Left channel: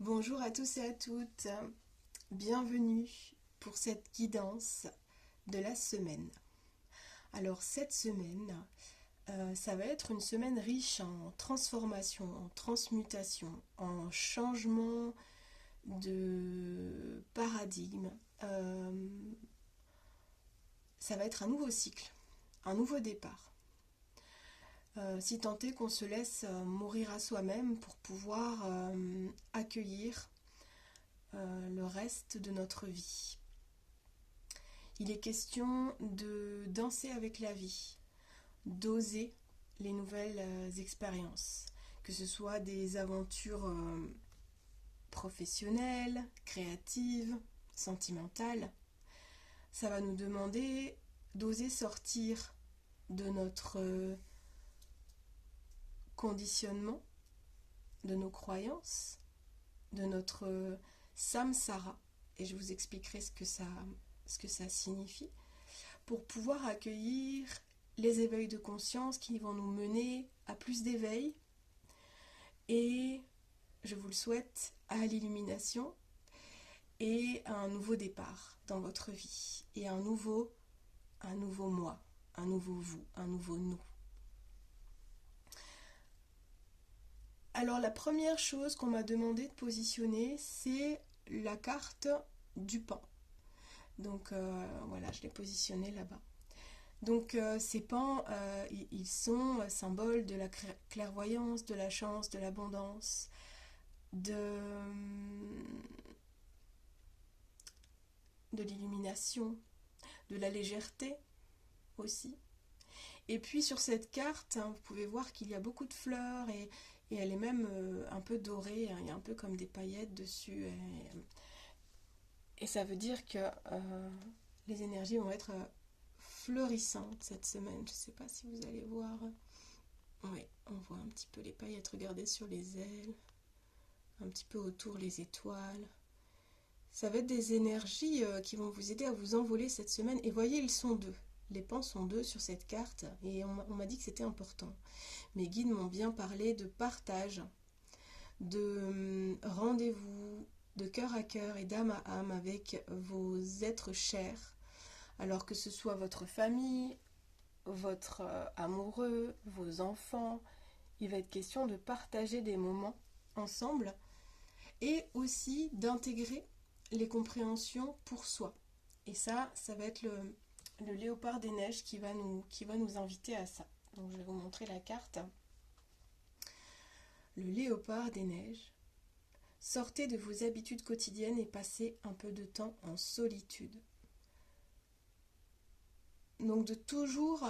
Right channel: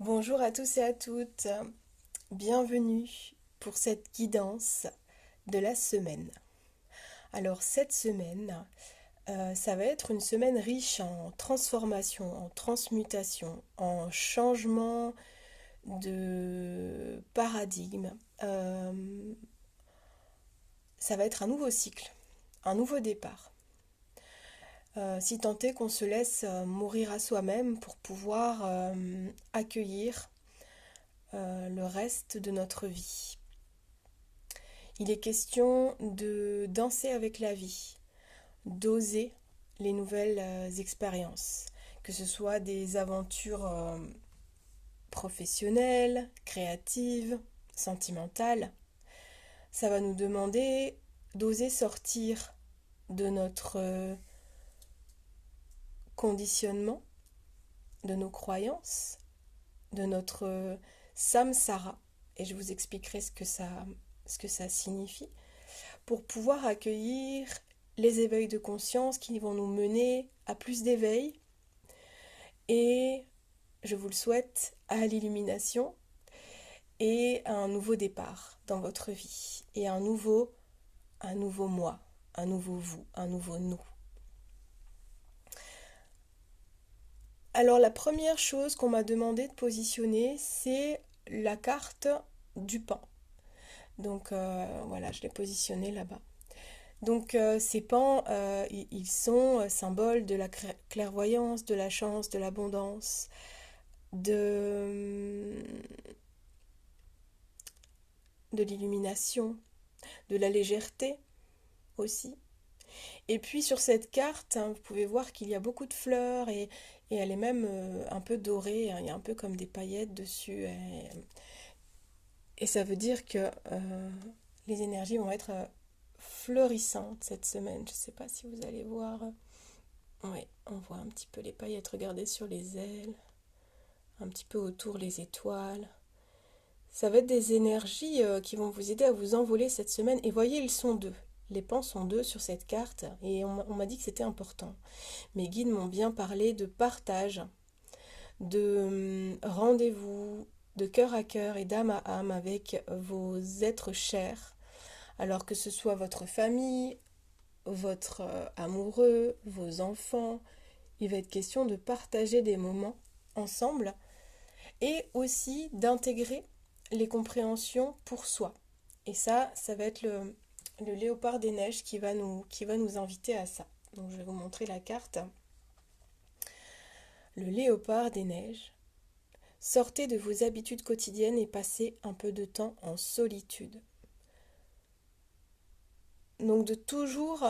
Bonjour à tous et à toutes, bienvenue pour cette guidance de la semaine. Alors cette semaine, ça va être une semaine riche en transformation, en transmutation, en changement de paradigme. Ça va être un nouveau cycle, un nouveau départ. Si tant est qu'on se laisse mourir à soi-même pour pouvoir accueillir le reste de notre vie. Il est question de danser avec la vie, d'oser les nouvelles expériences, que ce soit des aventures professionnelles, créatives, sentimentales. Ça va nous demander d'oser sortir de notre conditionnement, de nos croyances, de notre samsara, et je vous expliquerai ce que ça signifie, pour pouvoir accueillir les éveils de conscience qui vont nous mener à plus d'éveil et, je vous le souhaite, à l'illumination et à un nouveau départ dans votre vie et un nouveau moi, un nouveau vous, un nouveau nous. Alors la première chose qu'on m'a demandé de positionner, c'est la carte du pain. Donc voilà, je l'ai positionné là-bas. Donc ces pans, ils sont symboles de la clairvoyance, de la chance, de l'abondance, de, de l'illumination, de la légèreté aussi. Et puis sur cette carte, hein, vous pouvez voir qu'il y a beaucoup de fleurs et elle est même un peu dorée, hein, il y a un peu comme des paillettes dessus. Et ça veut dire que les énergies vont être fleurissantes cette semaine. Je ne sais pas si vous allez voir. Oui, on voit un petit peu les paillettes. Regardez sur les ailes, un petit peu autour les étoiles. Ça va être des énergies qui vont vous aider à vous envoler cette semaine. Et voyez, ils sont deux. Les pans sont deux sur cette carte. Et on m'a dit que c'était important. Mes guides m'ont bien parlé de partage, de rendez-vous, de cœur à cœur et d'âme à âme avec vos êtres chers. Alors que ce soit votre famille, votre amoureux, vos enfants, il va être question de partager des moments ensemble et aussi d'intégrer les compréhensions pour soi. Et ça va être le léopard des neiges qui va nous inviter à ça. Donc je vais vous montrer la carte. Le léopard des neiges. Sortez de vos habitudes quotidiennes et passez un peu de temps en solitude. Donc de toujours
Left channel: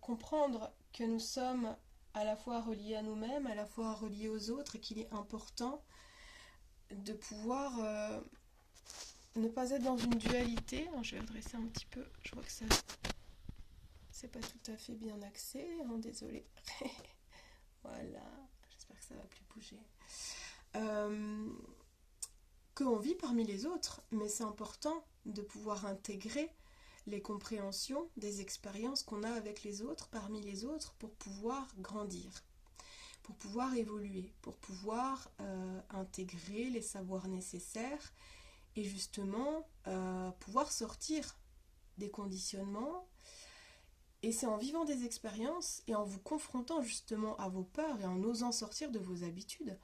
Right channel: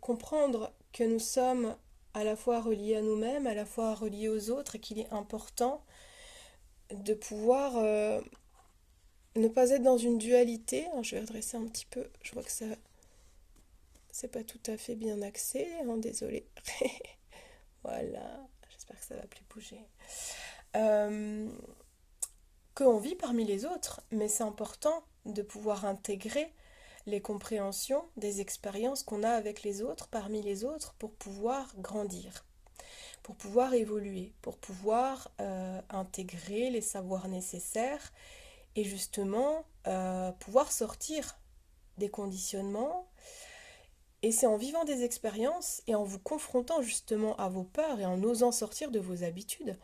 comprendre que nous sommes à la fois reliés à nous-mêmes, à la fois reliés aux autres, et qu'il est important de pouvoir ne pas être dans une dualité. Alors, je vais redresser un petit peu, je vois que ça c'est pas tout à fait bien axé, hein, désolé. Voilà, j'espère que ça va plus bouger. Euh, qu'on vit parmi les autres, mais c'est important de pouvoir intégrer les compréhensions des expériences qu'on a avec les autres, parmi les autres, pour pouvoir grandir, pour pouvoir évoluer, pour pouvoir intégrer les savoirs nécessaires et justement pouvoir sortir des conditionnements. Et c'est en vivant des expériences et en vous confrontant justement à vos peurs et en osant sortir de vos habitudes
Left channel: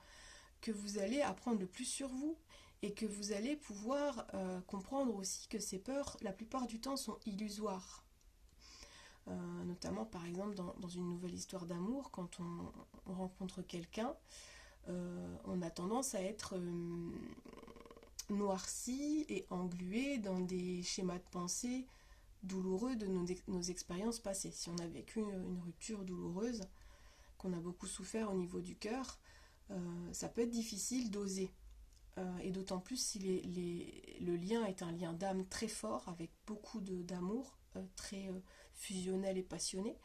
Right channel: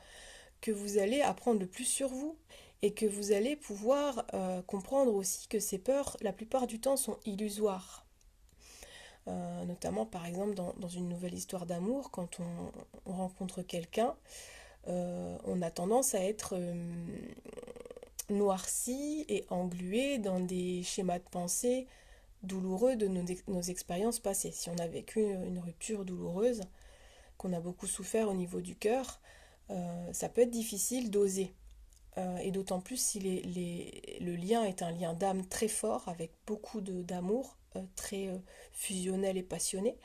que vous allez apprendre le plus sur vous et que vous allez pouvoir comprendre aussi que ces peurs, la plupart du temps, sont illusoires. Notamment par exemple dans une nouvelle histoire d'amour, quand on rencontre quelqu'un, on a tendance à être noirci et englué dans des schémas de pensée douloureux de nos expériences passées. Si on a vécu une rupture douloureuse, qu'on a beaucoup souffert au niveau du cœur, ça peut être difficile d'oser. Et d'autant plus si le lien est un lien d'âme très fort, avec beaucoup d'amour, très fusionnel et passionné.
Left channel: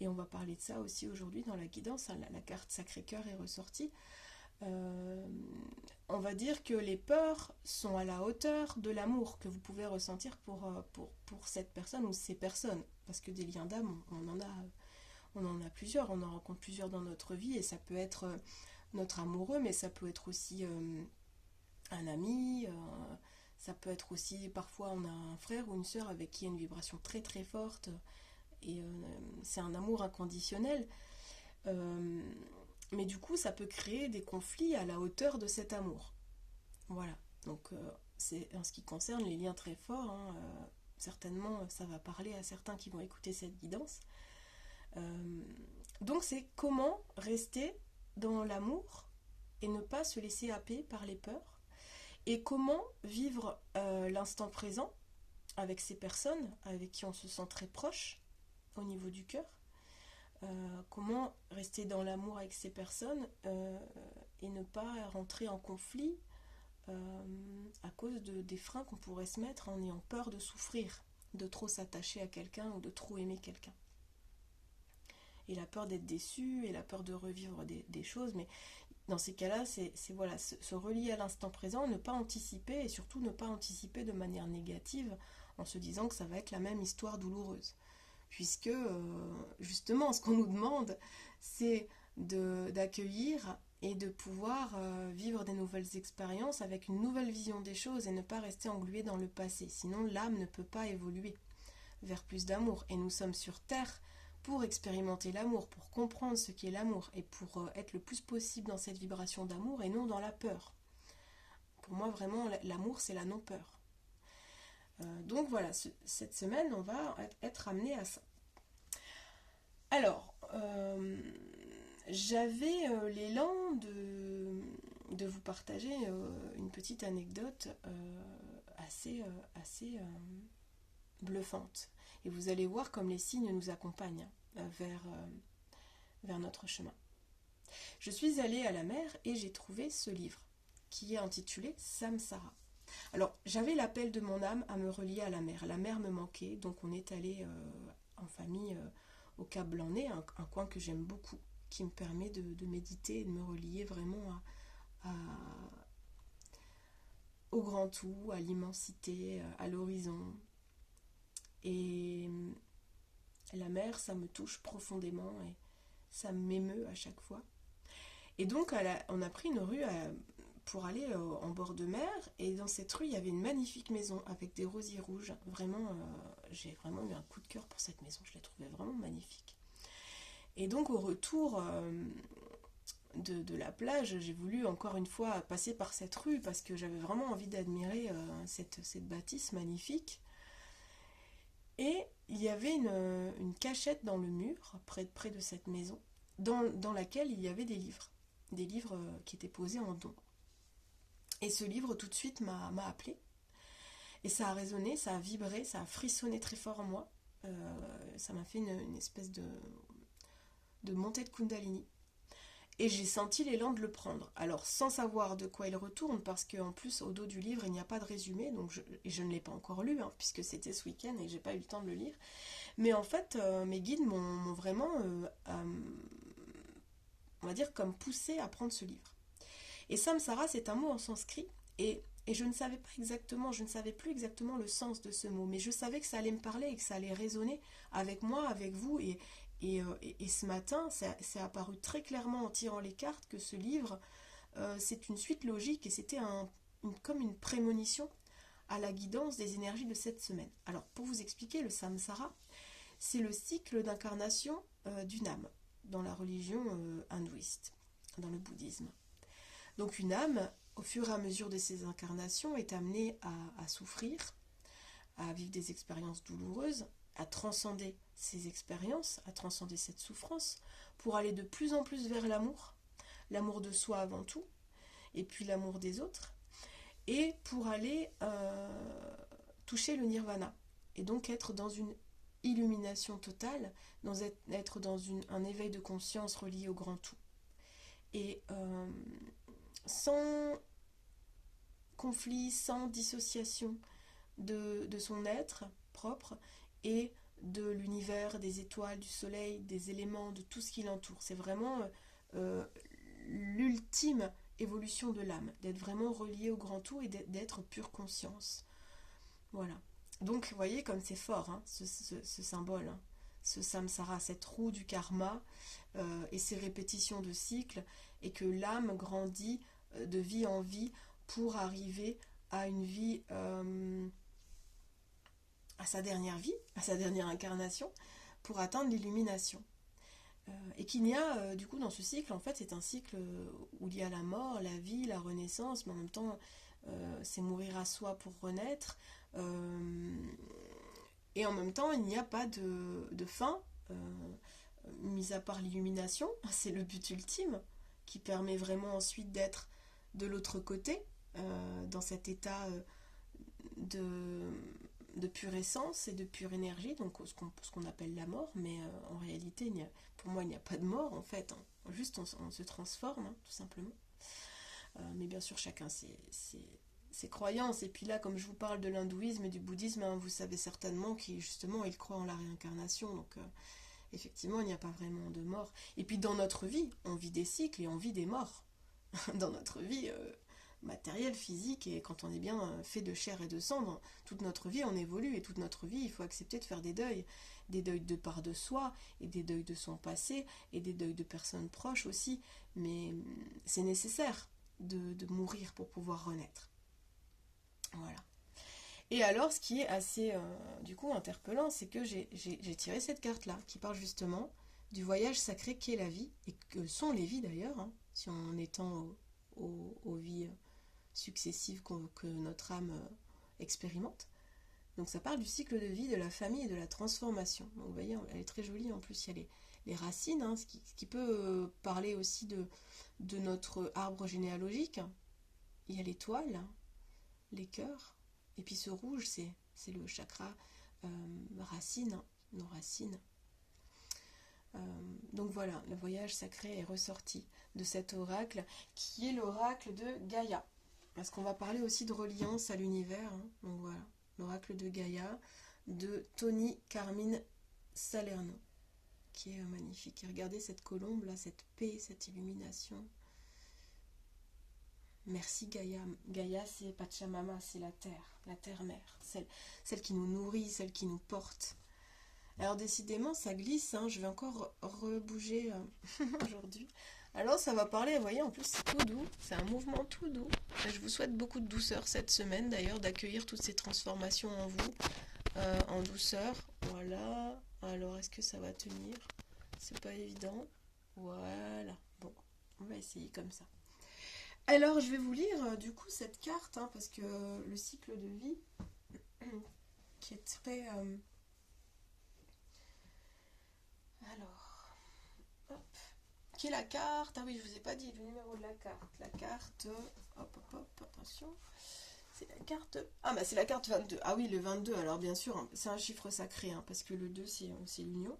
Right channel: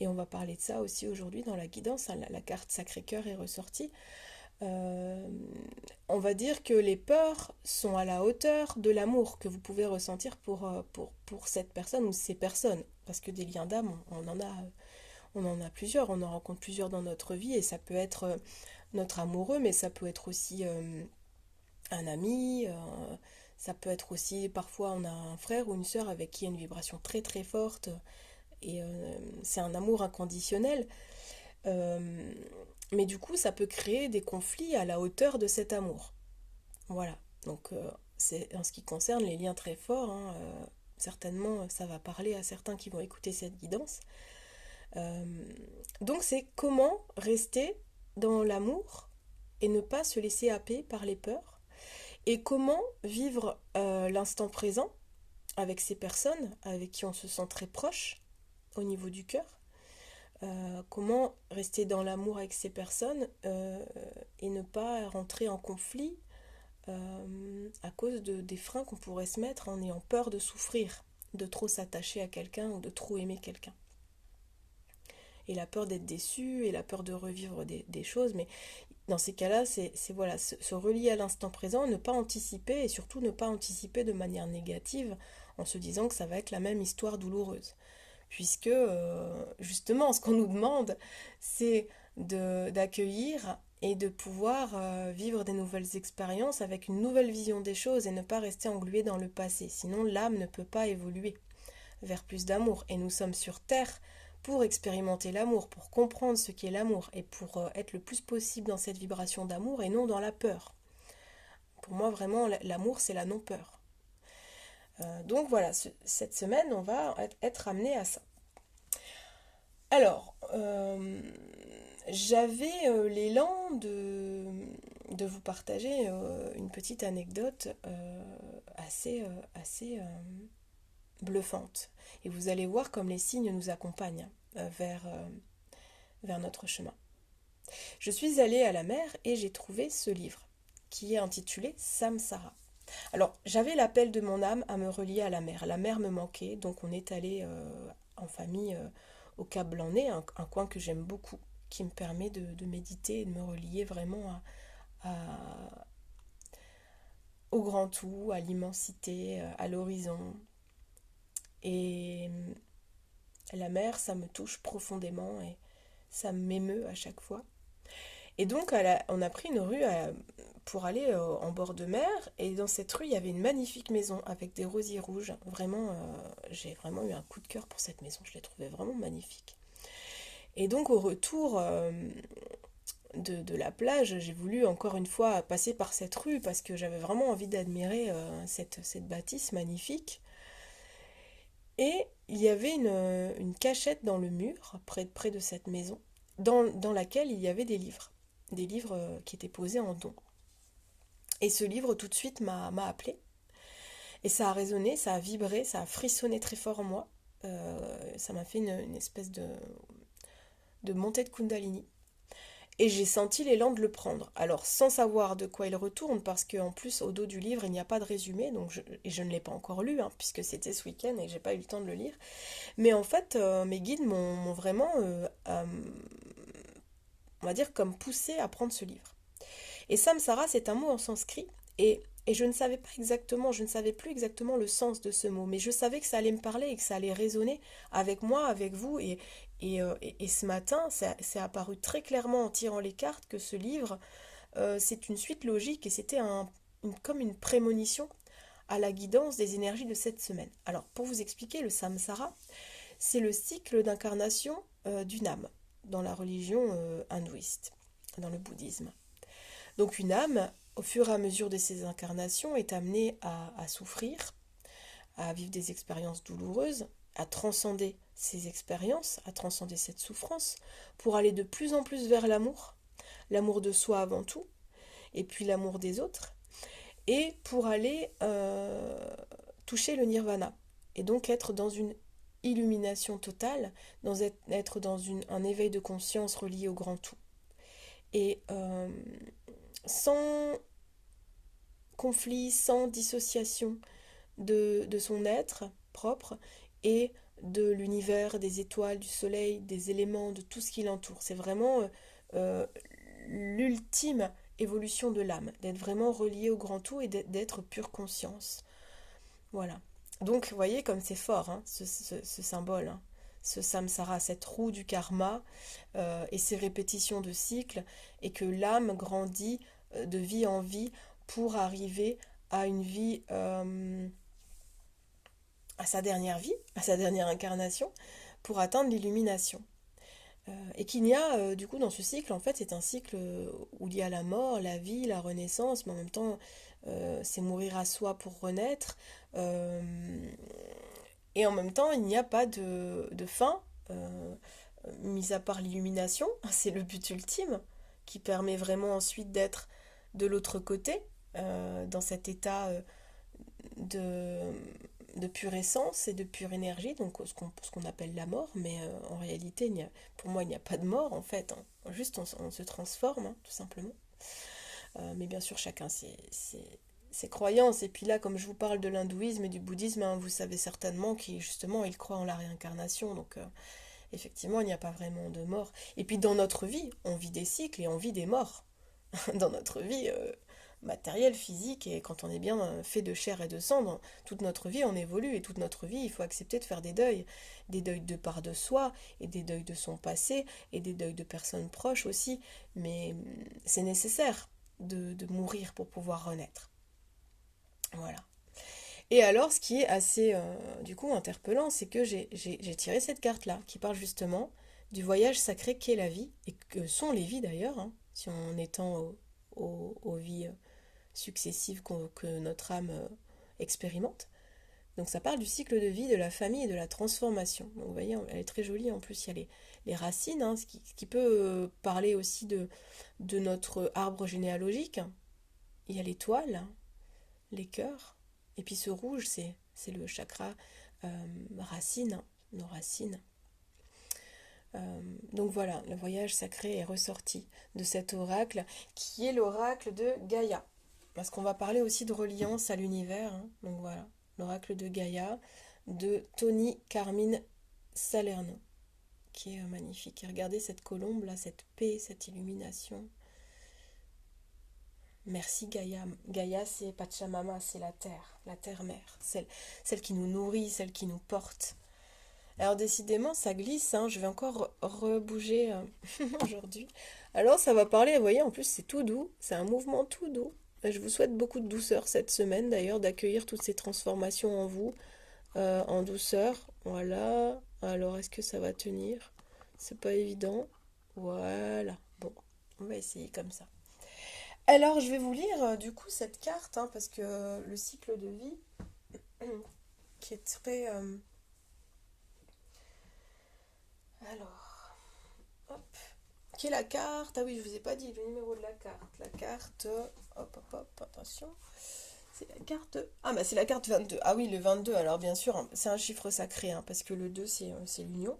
Et on va parler de ça aussi aujourd'hui dans la guidance, hein, la carte Sacré-Cœur est ressortie. Euh, on va dire que les peurs sont à la hauteur de l'amour que vous pouvez ressentir pour cette personne ou ces personnes. Parce que des liens d'âme, on en a plusieurs, on en rencontre plusieurs dans notre vie et ça peut être notre amoureux, mais ça peut être aussi un ami, ça peut être aussi, parfois on a un frère ou une sœur avec qui il y a une vibration très très forte, et c'est un amour inconditionnel. Euh, mais du coup, ça peut créer des conflits à la hauteur de cet amour. Voilà. Donc, c'est en ce qui concerne les liens très forts, hein, certainement, ça va parler à certains qui vont écouter cette guidance. Euh, donc, c'est comment rester dans l'amour et ne pas se laisser happer par les peurs. Et comment vivre l'instant présent avec ces personnes avec qui on se sent très proche au niveau du cœur. Comment rester dans l'amour avec ces personnes et ne pas rentrer en conflit à cause des freins qu'on pourrait se mettre en ayant peur de souffrir, de trop s'attacher à quelqu'un ou de trop aimer quelqu'un. Et la peur d'être déçu et la peur de revivre des choses. Mais dans ces cas-là, c'est voilà, se relier à l'instant présent, ne pas anticiper et surtout ne pas anticiper de manière négative en se disant que ça va être la même histoire douloureuse. Puisque justement, ce qu'on nous demande, c'est d'accueillir et de pouvoir vivre des nouvelles expériences avec une nouvelle vision des choses et ne pas rester englué dans le passé. Sinon, l'âme ne peut pas évoluer vers plus d'amour. Et nous sommes sur Terre pour expérimenter l'amour, pour comprendre ce qu'est l'amour et pour être le plus possible dans cette vibration d'amour et non dans la peur. Pour moi, vraiment, l'amour, c'est la non-peur. Donc voilà, cette semaine, on va être amené à ça. Alors, j'avais l'élan de vous partager une petite anecdote assez bluffante. Et vous allez voir comme les signes nous accompagnent vers notre chemin. Je suis allée à la mer et j'ai trouvé ce livre qui est intitulé Samsara. Alors, j'avais l'appel de mon âme à me relier à la mer. La mer me manquait, donc on est allé en famille au Cap Blanc-Nez, un coin que j'aime beaucoup, qui me permet de méditer et de me relier vraiment au grand tout, à l'immensité, à l'horizon. Et la mer, ça me touche profondément et ça m'émeut à chaque fois. Et donc, on a pris une rue pour aller en bord de mer. Et dans cette rue, il y avait une magnifique maison avec des rosiers rouges. Vraiment, j'ai vraiment eu un coup de cœur pour cette maison. Je l'ai trouvée vraiment magnifique. Et donc, au retour de la plage, j'ai voulu encore une fois passer par cette rue parce que j'avais vraiment envie d'admirer cette bâtisse magnifique. Et il y avait une cachette dans le mur, près de cette maison, dans laquelle il y avait des livres. Des livres qui étaient posés en don. Et ce livre, tout de suite, m'a appelé. Et ça a résonné, ça a vibré, ça a frissonné très fort en moi. Ça m'a fait une espèce de montée de Kundalini. Et j'ai senti l'élan de le prendre. Alors, sans savoir de quoi il retourne, parce qu'en plus, au dos du livre, il n'y a pas de résumé, et je ne l'ai pas encore lu, hein, puisque c'était ce week-end et que j'ai pas eu le temps de le lire. Mais en fait, mes guides m'ont vraiment, on va dire, comme poussé à prendre ce livre. Et samsara, c'est un mot en sanskrit, et je ne savais pas exactement, je ne savais plus exactement le sens de ce mot, mais je savais que ça allait me parler et que ça allait résonner avec moi, avec vous, et ce matin, c'est apparu très clairement en tirant les cartes que ce livre, c'est une suite logique et c'était comme une prémonition à la guidance des énergies de cette semaine. Alors, pour vous expliquer, le samsara, c'est le cycle d'incarnation d'une âme dans la religion hindouiste, dans le bouddhisme. Donc une âme, au fur et à mesure de ses incarnations, est amenée à souffrir, à vivre des expériences douloureuses, à transcender ces expériences, à transcender cette souffrance, pour aller de plus en plus vers l'amour de soi avant tout, et puis l'amour des autres, et pour aller toucher le nirvana, et donc être dans une illumination totale, être dans un éveil de conscience relié au grand tout. Et sans conflit, sans dissociation de son être propre et de l'univers, des étoiles, du soleil, des éléments, de tout ce qui l'entoure. C'est vraiment l'ultime évolution de l'âme, d'être vraiment relié au grand tout et d'être pure conscience. Voilà. Donc, vous voyez comme c'est fort, hein, ce symbole. Hein. ce samsara, cette roue du karma et ces répétitions de cycles, et que l'âme grandit de vie en vie pour arriver à une vie, à sa dernière vie, à sa dernière incarnation, pour atteindre l'illumination. Et qu'il y a, du coup, dans ce cycle, en fait, c'est un cycle où il y a la mort, la vie, la renaissance, mais en même temps, c'est mourir à soi pour renaître. Euh, et en même temps, il n'y a pas de fin, mis à part l'illumination. C'est le but ultime, qui permet vraiment ensuite d'être de l'autre côté, dans cet état de, de pure essence et de pure énergie, donc ce qu'on appelle la mort, mais en réalité, pour moi, il n'y a pas de mort en fait, hein. Juste on se transforme, hein, tout simplement. Mais bien sûr, chacun ses croyances. Et puis là, comme je vous parle de l'hindouisme et du bouddhisme, hein, vous savez certainement qu'ils justement ils croient en la réincarnation, donc effectivement, il n'y a pas vraiment de mort. Et puis dans notre vie, on vit des cycles et on vit des morts. Dans notre vie matérielle, physique, et quand on est bien fait de chair et de sang, dans toute notre vie, on évolue, et toute notre vie, il faut accepter de faire des deuils de part de soi, et des deuils de son passé, et des deuils de personnes proches aussi, mais c'est nécessaire de mourir pour pouvoir renaître. Voilà. Et alors, ce qui est assez, du coup, interpellant, c'est que j'ai tiré cette carte-là, qui parle justement du voyage sacré qu'est la vie, et que sont les vies d'ailleurs, hein, si on étend aux vies successives que notre âme expérimente. Donc ça parle du cycle de vie, de la famille et de la transformation. Donc vous voyez, elle est très jolie, en plus il y a les racines, hein, ce qui peut parler aussi de notre arbre généalogique. Il y a l'étoile, les cœurs, et puis ce rouge, c'est le chakra racine, hein, nos racines. Donc voilà, le voyage sacré est ressorti de cet oracle qui est l'oracle de Gaïa. Parce qu'on va parler aussi de reliance à l'univers, hein. Donc voilà, l'oracle de Gaïa de Tony Carmine Salerno, qui est magnifique. Et regardez cette colombe là, cette paix, cette illumination. Merci Gaïa. Gaïa, c'est Pachamama, c'est la terre-mère, celle qui nous nourrit, celle qui nous porte. Alors décidément, ça glisse, hein. Je vais encore rebouger aujourd'hui. Alors ça va parler, vous voyez, en plus c'est tout doux, c'est un mouvement tout doux. Je vous souhaite beaucoup de douceur cette semaine d'ailleurs, d'accueillir toutes ces transformations en vous, en douceur. Voilà. Alors est-ce que ça va tenir? C'est pas évident. Voilà. Bon, on va essayer comme ça. Alors je vais vous lire du coup cette carte, hein, parce que le cycle de vie, qui est très... alors, hop. Qui est la carte? Ah oui, je vous ai pas dit le numéro de la carte. La carte, hop, hop, hop, attention. C'est la carte. Ah bah c'est la carte 22. Ah oui, le 22, alors bien sûr, hein, c'est un chiffre sacré, hein, parce que le 2, c'est l'union.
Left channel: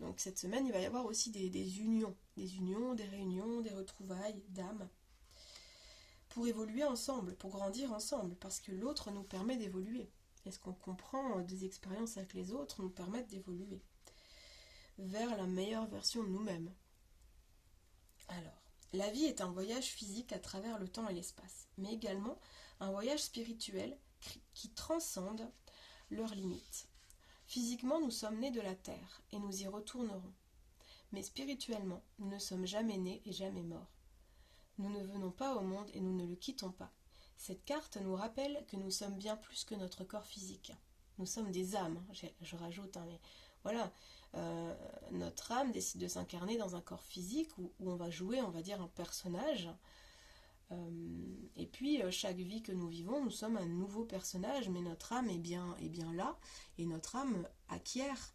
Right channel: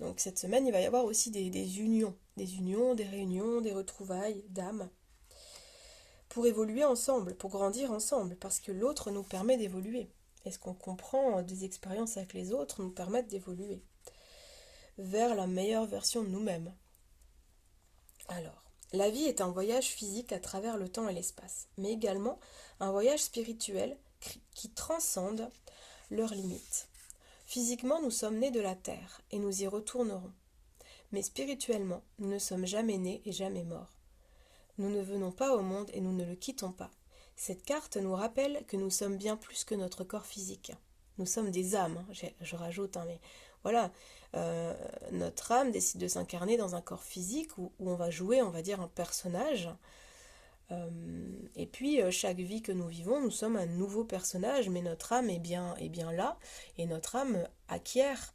Donc cette semaine, il va y avoir aussi des unions. Des unions, des réunions, des retrouvailles d'âmes. Pour évoluer ensemble, pour grandir ensemble, parce que l'autre nous permet d'évoluer. Et ce qu'on comprend des expériences avec les autres nous permettent d'évoluer vers la meilleure version de nous-mêmes. Alors, la vie est un voyage physique à travers le temps et l'espace, mais également un voyage spirituel qui transcende leurs limites. Physiquement, nous sommes nés de la terre et nous y retournerons. Mais spirituellement, nous ne sommes jamais nés et jamais morts. Nous ne venons pas au monde et nous ne le quittons pas. Cette carte nous rappelle que nous sommes bien plus que notre corps physique. Nous sommes des âmes, je rajoute, hein, mais voilà, notre âme décide de s'incarner dans un corps physique où on va jouer, on va dire, un personnage. Et puis, chaque vie que nous vivons, nous sommes un nouveau personnage, mais notre âme est bien là, et notre âme acquiert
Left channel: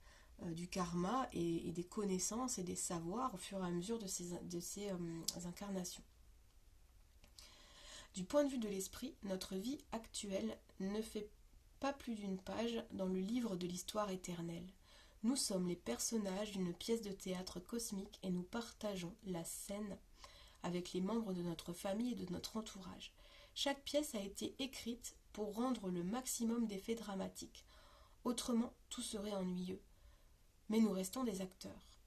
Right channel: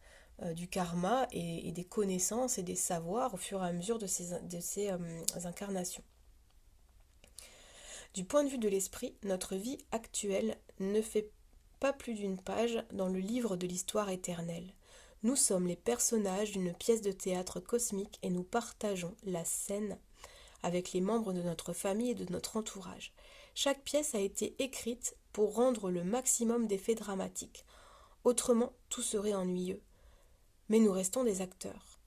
du karma et des connaissances et des savoirs au fur et à mesure de ces incarnations. Du point de vue de l'esprit, notre vie actuelle ne fait pas plus d'une page dans le livre de l'histoire éternelle. Nous sommes les personnages d'une pièce de théâtre cosmique et nous partageons la scène avec les membres de notre famille et de notre entourage. Chaque pièce a été écrite pour rendre le maximum d'effets dramatiques. Autrement, tout serait ennuyeux. Mais nous restons des acteurs.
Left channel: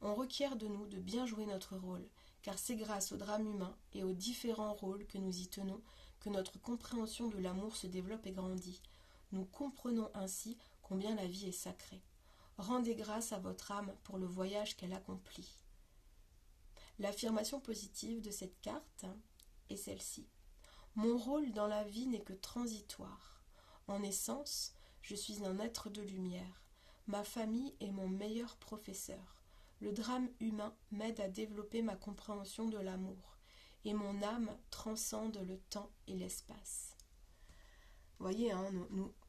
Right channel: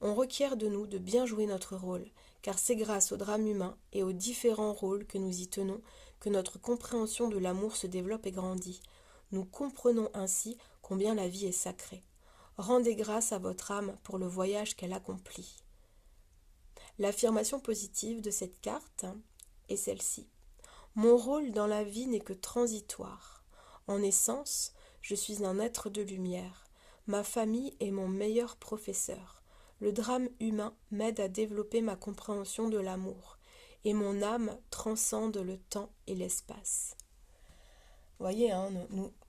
On requiert de nous de bien jouer notre rôle, car c'est grâce au drame humain et aux différents rôles que nous y tenons que notre compréhension de l'amour se développe et grandit. Nous comprenons ainsi combien la vie est sacrée. Rendez grâce à votre âme pour le voyage qu'elle accomplit. L'affirmation positive de cette carte est celle-ci. Mon rôle dans la vie n'est que transitoire. En essence, je suis un être de lumière. Ma famille est mon meilleur professeur. Le drame humain m'aide à développer ma compréhension de l'amour. Et mon âme transcende le temps et l'espace. Vous voyez, hein,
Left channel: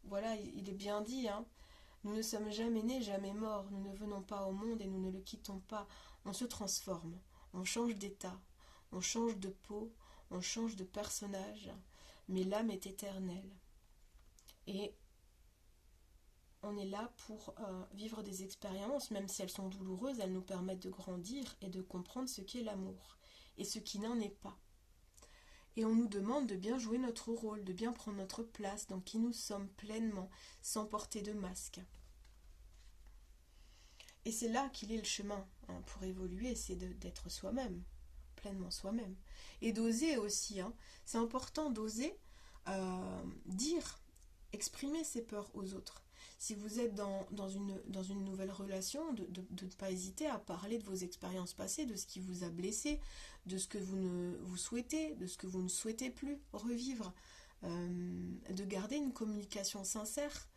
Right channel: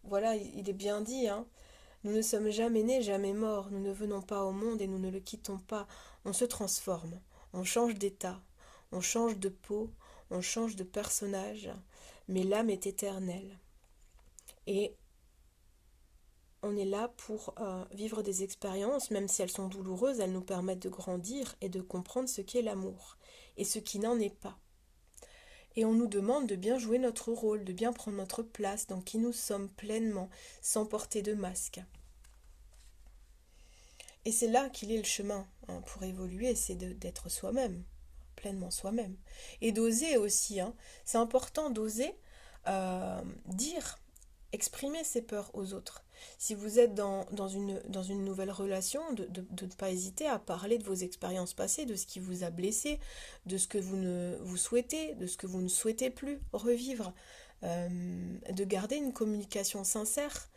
voilà, il est bien dit, hein. Nous ne sommes jamais nés, jamais morts. Nous ne venons pas au monde et nous ne le quittons pas. On se transforme, on change d'état, on change de peau, on change de personnage, mais l'âme est éternelle. Et on est là pour vivre des expériences, même si elles sont douloureuses, elles nous permettent de grandir et de comprendre ce qu'est l'amour et ce qui n'en est pas. Et on nous demande de bien jouer notre rôle, de bien prendre notre place dans qui nous sommes pleinement, sans porter de masque. Et c'est là qu'il est le chemin pour évoluer, c'est d'être soi-même, pleinement soi-même. Et d'oser aussi, c'est important d'oser dire, exprimer ses peurs aux autres. Si vous êtes dans une nouvelle relation, de ne pas hésiter à parler de vos expériences passées, de ce qui vous a blessé, de ce que vous souhaitez, de ce que vous ne souhaitez plus revivre, de garder une communication sincère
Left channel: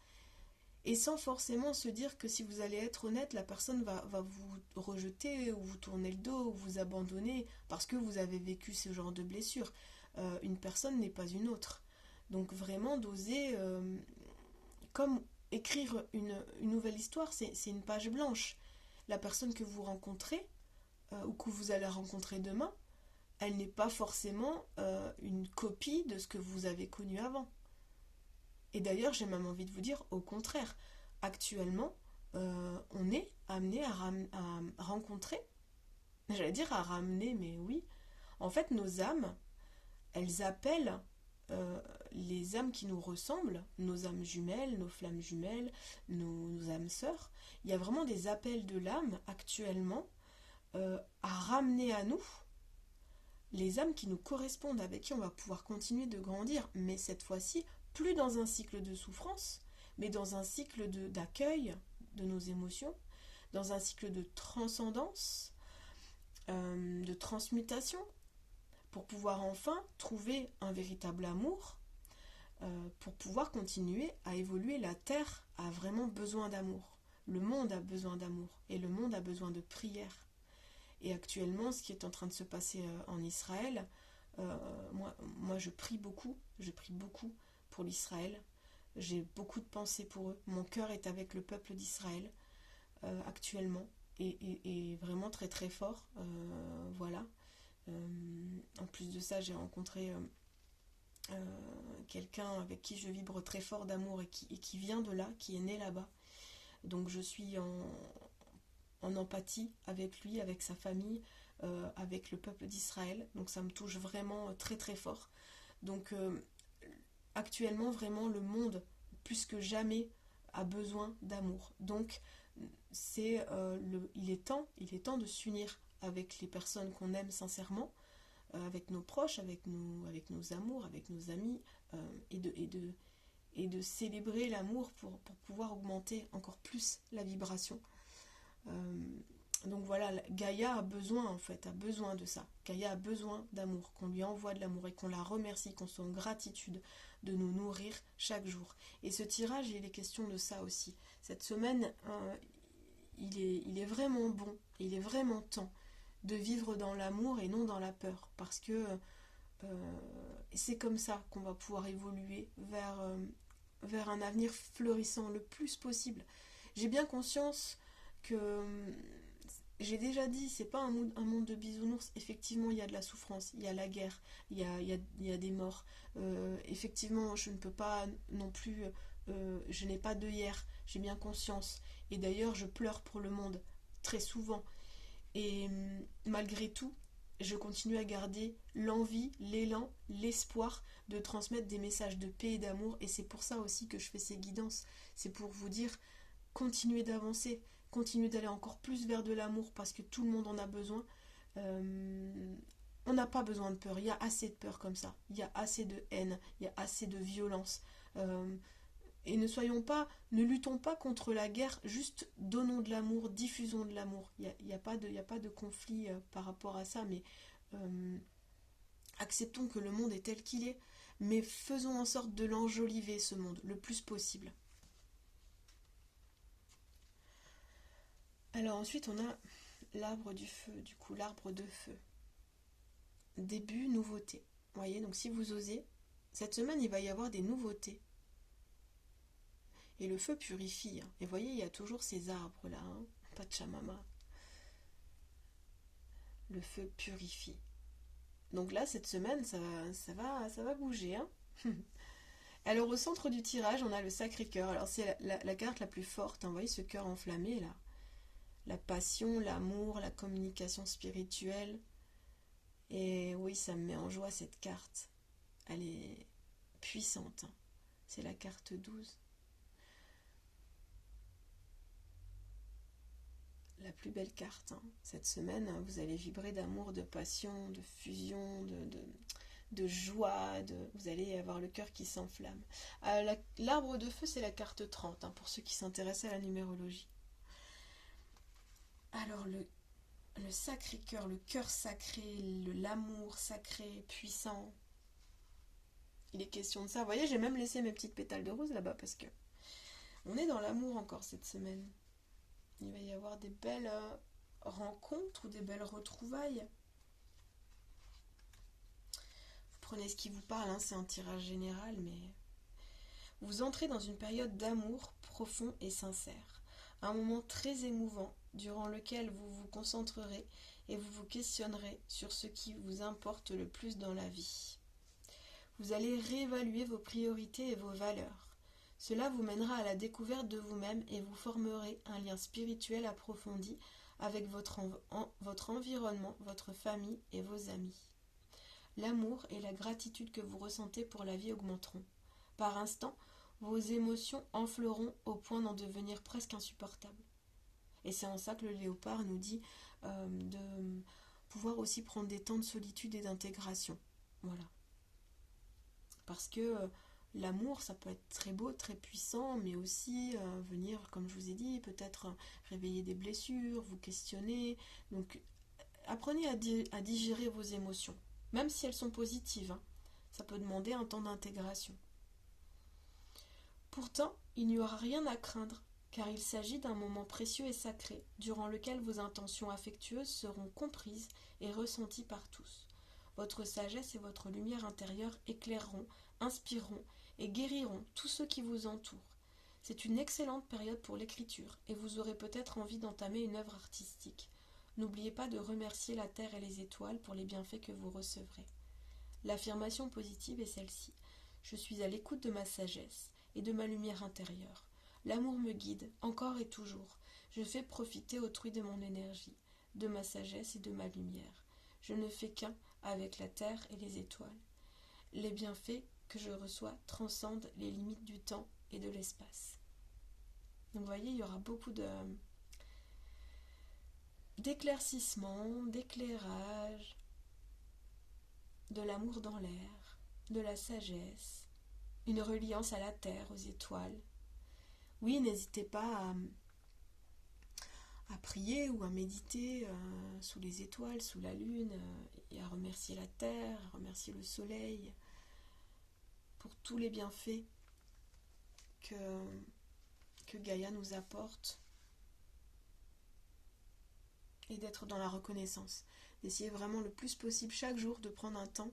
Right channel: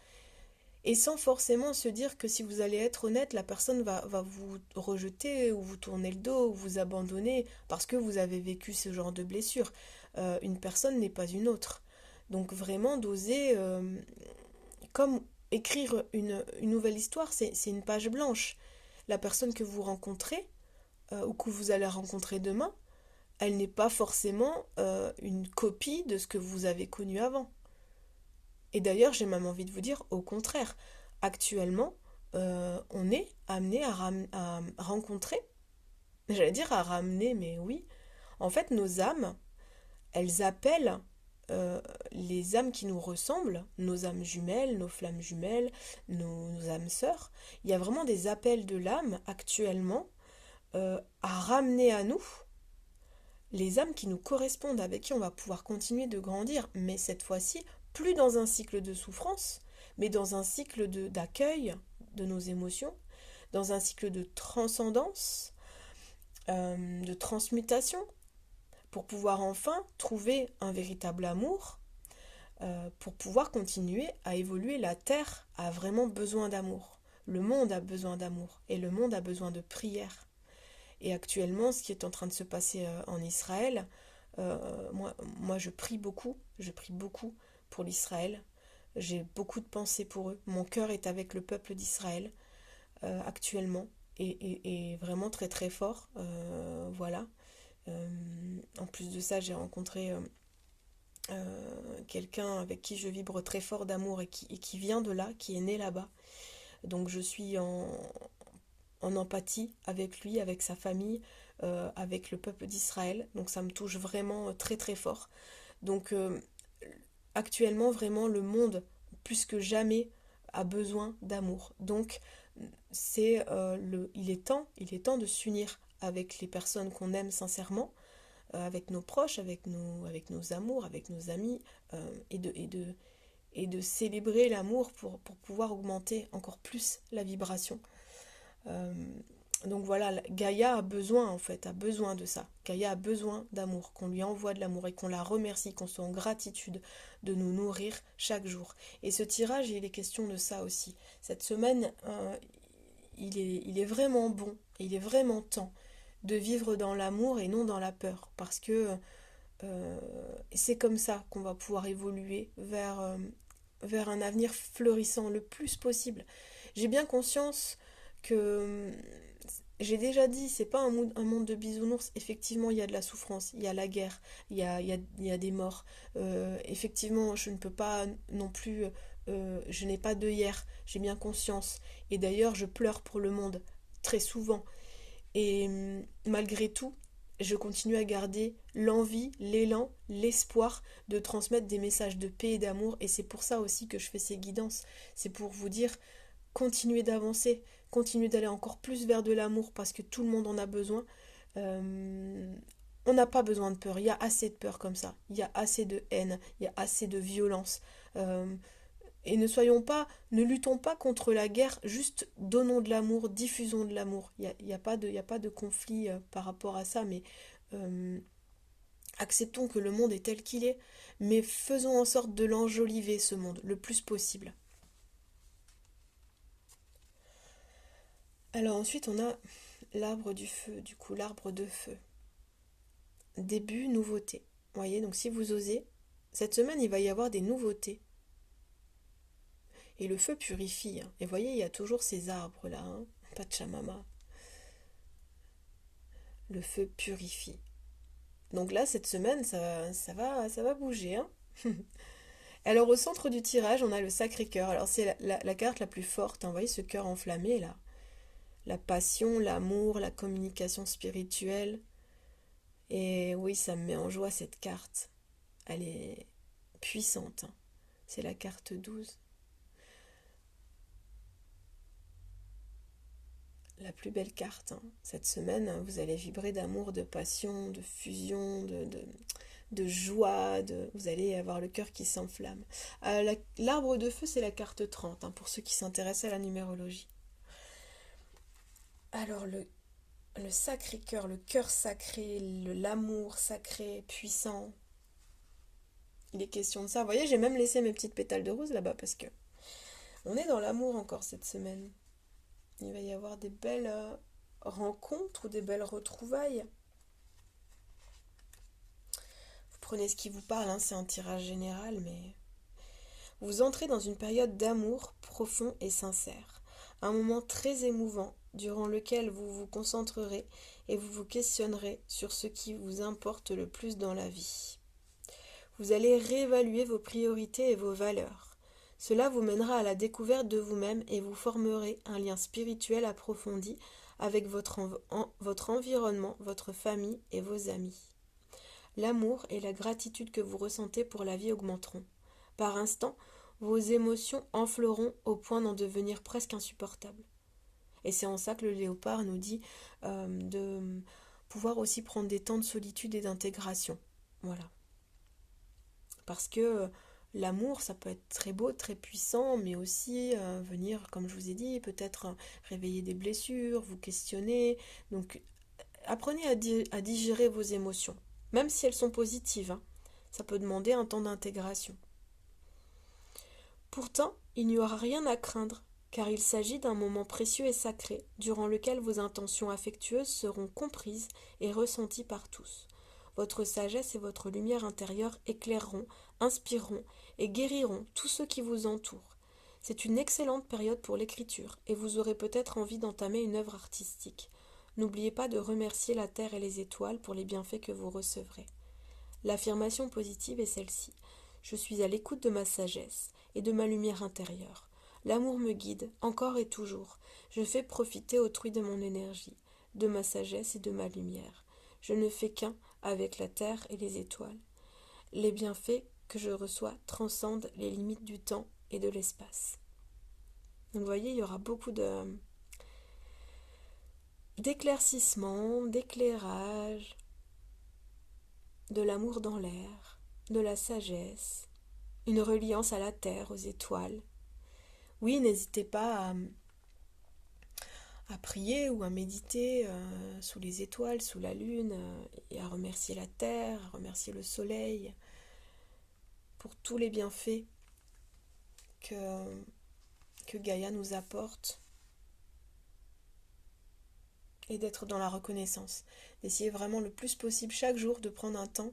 et sans forcément se dire que si vous allez être honnête, la personne va vous rejeter ou vous tourner le dos ou vous abandonner parce que vous avez vécu ce genre de blessure. Une personne n'est pas une autre. Donc vraiment d'oser, comme écrire une nouvelle histoire, c'est une page blanche. La personne que vous rencontrez ou que vous allez rencontrer demain, elle n'est pas forcément une copie de ce que vous avez connu avant. Et d'ailleurs, j'ai même envie de vous dire, au contraire, actuellement, on est amené à rencontrer, j'allais dire à ramener, mais oui, en fait, nos âmes, elles appellent les âmes qui nous ressemblent, nos âmes jumelles, nos flammes jumelles, nos âmes sœurs. Il y a vraiment des appels de l'âme actuellement à ramener à nous les âmes qui nous correspondent, avec qui on va pouvoir continuer de grandir, mais cette fois-ci, plus dans un cycle de souffrance, mais dans un cycle d'accueil de nos émotions, dans un cycle de transcendance, de transmutation, pour pouvoir enfin trouver un véritable amour, pour pouvoir continuer à évoluer. La Terre a vraiment besoin d'amour. Le monde a besoin d'amour et le monde a besoin de prière. Et actuellement, ce qui est en train de se passer en Israël, moi je prie beaucoup pour l'Israël. J'ai beaucoup de pensées pour eux. Mon cœur est avec le peuple d'Israël actuellement et vraiment très très fort. Voilà. En plus de ça, j'ai rencontré quelqu'un avec qui je vibre très fort d'amour et qui vient de là, qui est né là-bas. Donc je suis en empathie avec lui, avec sa famille, avec le peuple d'Israël. Donc ça me touche vraiment très très fort. Donc actuellement, vraiment, le monde, plus que jamais, a besoin d'amour. Donc il est temps de s'unir avec les personnes qu'on aime sincèrement, avec nos proches, avec nos amours, avec nos amis, et de célébrer l'amour pour pouvoir augmenter encore plus la vibration. Euh, donc voilà, Gaïa a besoin en fait, a besoin de ça. Gaïa a besoin d'amour, qu'on lui envoie de l'amour et qu'on la remercie, qu'on soit en gratitude de nous nourrir chaque jour. Et ce tirage, il est question de ça aussi. Cette semaine, il est vraiment bon, il est vraiment temps de vivre dans l'amour et non dans la peur. Parce que c'est comme ça qu'on va pouvoir évoluer vers un avenir florissant le plus possible. J'ai bien conscience que j'ai déjà dit, c'est pas un monde de bisounours. Effectivement, il y a de la souffrance, il y a la guerre, il y a des morts. Effectivement, je ne peux pas non plus, je n'ai pas d'œillère, j'ai bien conscience. Et d'ailleurs, je pleure pour le monde, très souvent. Et malgré tout, je continue à garder l'envie, l'élan, l'espoir de transmettre des messages de paix et d'amour. Et c'est pour ça aussi que je fais ces guidances. C'est pour vous dire, continuez d'avancer, continuez d'aller encore plus vers de l'amour parce que tout le monde en a besoin. On n'a pas besoin de peur, il y a assez de peur comme ça, il y a assez de haine, il y a assez de violence. Et ne luttons pas contre la guerre, juste donnons de l'amour, diffusons de l'amour. Il y a pas de conflit par rapport à ça, mais euh, acceptons que le monde est tel qu'il est, mais faisons en sorte de l'enjoliver, ce monde, le plus possible. Alors ensuite, on a l'arbre du feu, du coup, l'arbre de feu. Début, nouveauté. Vous voyez, donc si vous osez, cette semaine, il va y avoir des nouveautés. Et le feu purifie, hein. Et vous voyez, il y a toujours ces arbres-là, hein. Pachamama. Le feu purifie. Donc là, cette semaine, ça va bouger, hein. Alors au centre du tirage, on a le Sacré-Cœur. Alors c'est la carte la plus forte, hein. Vous voyez ce cœur enflammé là. La passion, l'amour, la communication spirituelle. Et oui, ça me met en joie cette carte. Elle est puissante, hein. C'est la carte 12. La plus belle carte, hein. Cette semaine, hein, vous allez vibrer d'amour, de passion, de fusion, de joie, vous allez avoir le cœur qui s'enflamme. L'arbre de feu, c'est la carte 30, hein, pour ceux qui s'intéressent à la numérologie. Alors, le Sacré-Cœur, le cœur sacré, l'amour sacré, puissant, il est question de ça. Vous voyez, j'ai même laissé mes petites pétales de rose là-bas parce que on est dans l'amour encore cette semaine. Il va y avoir des belles rencontres ou des belles retrouvailles. Vous prenez ce qui vous parle, hein, c'est un tirage général, mais vous entrez dans une période d'amour profond et sincère. Un moment très émouvant durant lequel vous vous concentrerez et vous vous questionnerez sur ce qui vous importe le plus dans la vie. Vous allez réévaluer vos priorités et vos valeurs. Cela vous mènera à la découverte de vous-même et vous formerez un lien spirituel approfondi avec votre environnement, votre famille et vos amis. L'amour et la gratitude que vous ressentez pour la vie augmenteront. Par instants, vos émotions enfleront au point d'en devenir presque insupportables. Et c'est en ça que le léopard nous dit de pouvoir aussi prendre des temps de solitude et d'intégration. Voilà. Parce que l'amour, ça peut être très beau, très puissant, mais aussi venir, comme je vous ai dit, peut-être réveiller des blessures, vous questionner. Donc, apprenez à digérer vos émotions, même si elles sont positives, hein. Ça peut demander un temps d'intégration. Pourtant, il n'y aura rien à craindre, car il s'agit d'un moment précieux et sacré, durant lequel vos intentions affectueuses seront comprises et ressenties par tous. Votre sagesse et votre lumière intérieure éclaireront, inspireront et guériront tous ceux qui vous entourent. C'est une excellente période pour l'écriture, et vous aurez peut-être envie d'entamer une œuvre artistique. N'oubliez pas de remercier la terre et les étoiles pour les bienfaits que vous recevrez. L'affirmation positive est celle-ci. Je suis à l'écoute de ma sagesse et de ma lumière intérieure. L'amour me guide, encore et toujours. Je fais profiter autrui de mon énergie, de ma sagesse et de ma lumière. Je ne fais qu'un avec la terre et les étoiles. Les bienfaits que je reçois transcendent les limites du temps et de l'espace. Donc vous voyez, il y aura beaucoup d'éclaircissement, d'éclairage, de l'amour dans l'air, de la sagesse, une reliance à la terre, aux étoiles. Oui, n'hésitez pas à prier ou à méditer sous les étoiles, sous la lune, et à remercier la terre, à remercier le soleil pour tous les bienfaits que, que Gaïa nous apporte, et d'être dans la reconnaissance. D'essayer vraiment le plus possible chaque jour de prendre un temps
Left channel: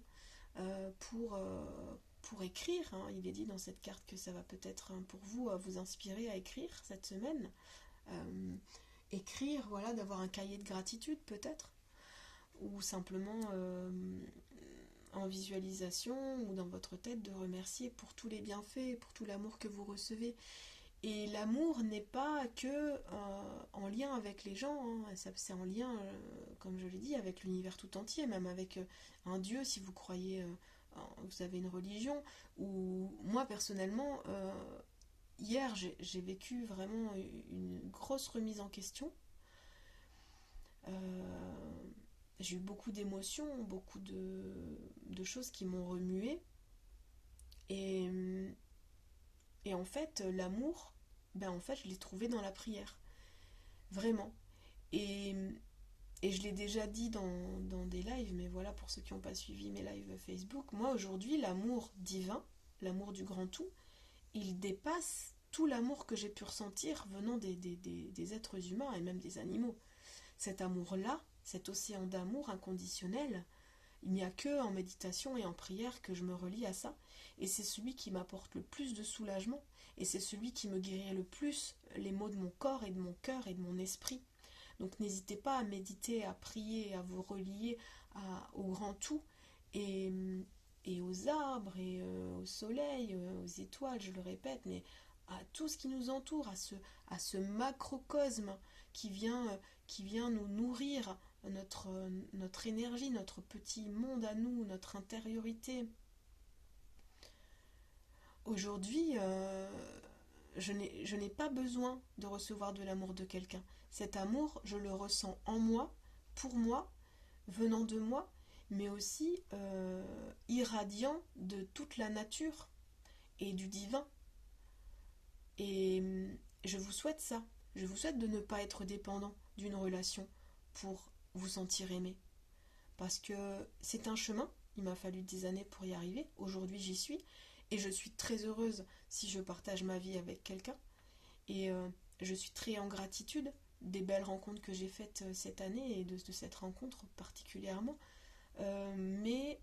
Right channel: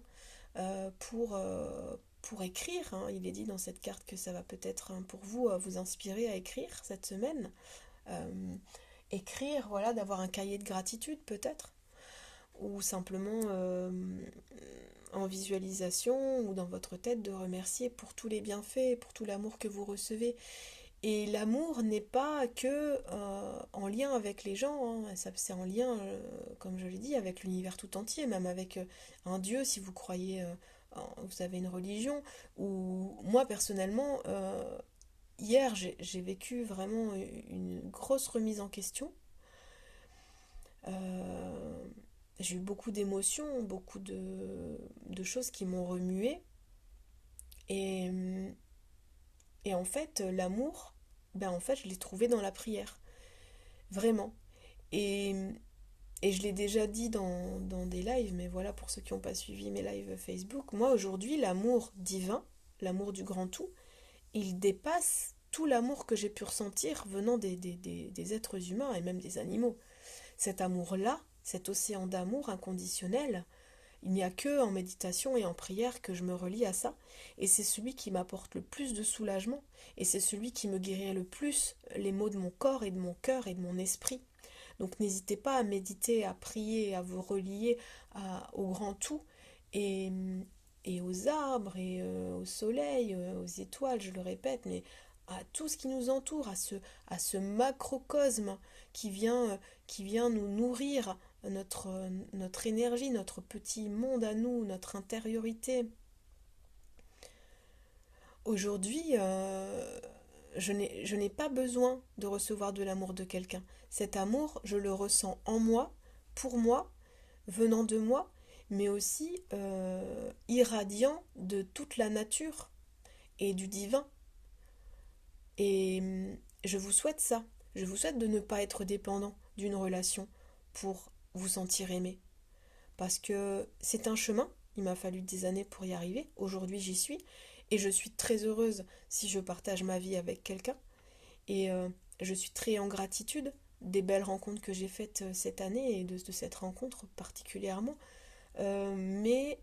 pour écrire, hein. Il est dit dans cette carte que ça va peut-être pour vous vous inspirer à écrire cette semaine. Écrire, voilà, d'avoir un cahier de gratitude peut-être, ou simplement en visualisation ou dans votre tête de remercier pour tous les bienfaits, pour tout l'amour que vous recevez. Et l'amour n'est pas que en lien avec les gens, hein. C'est en lien, comme je l'ai dit, avec l'univers tout entier, même avec un Dieu, si vous croyez, vous avez une religion. Ou moi personnellement, hier j'ai vécu vraiment une grosse remise en question. Euh, j'ai eu beaucoup d'émotions, beaucoup de choses qui m'ont remué. Et, Et en fait, l'amour, ben en fait, je l'ai trouvé dans la prière. Vraiment. Et, et je l'ai déjà dit dans des lives, mais voilà, pour ceux qui n'ont pas suivi mes lives Facebook, moi aujourd'hui, l'amour divin, l'amour du grand tout, il dépasse tout l'amour que j'ai pu ressentir venant des êtres humains et même des animaux. Cet amour-là, cet océan d'amour inconditionnel, il n'y a que en méditation et en prière que je me relie à ça. Et c'est celui qui m'apporte le plus de soulagement. Et c'est celui qui me guérit le plus les maux de mon corps et de mon cœur et de mon esprit. Donc n'hésitez pas à méditer, à prier, à vous relier au grand tout et, et aux arbres et au soleil, aux étoiles, je le répète, mais à tout ce qui nous entoure, à ce macrocosme qui vient nous nourrir notre énergie, notre petit monde à nous, notre intériorité. Aujourd'hui, je n'ai pas besoin de recevoir de l'amour de quelqu'un. Cet amour, je le ressens en moi, pour moi, venant de moi, mais aussi irradiant de toute la nature et du divin. Et je vous souhaite ça. Je vous souhaite de ne pas être dépendant d'une relation pour vous sentir aimé. Parce que c'est un chemin, il m'a fallu des années pour y arriver. Aujourd'hui, j'y suis. Et je suis très heureuse si je partage ma vie avec quelqu'un. Et je suis très en gratitude des belles rencontres que j'ai faites cette année et de cette rencontre particulièrement. Mais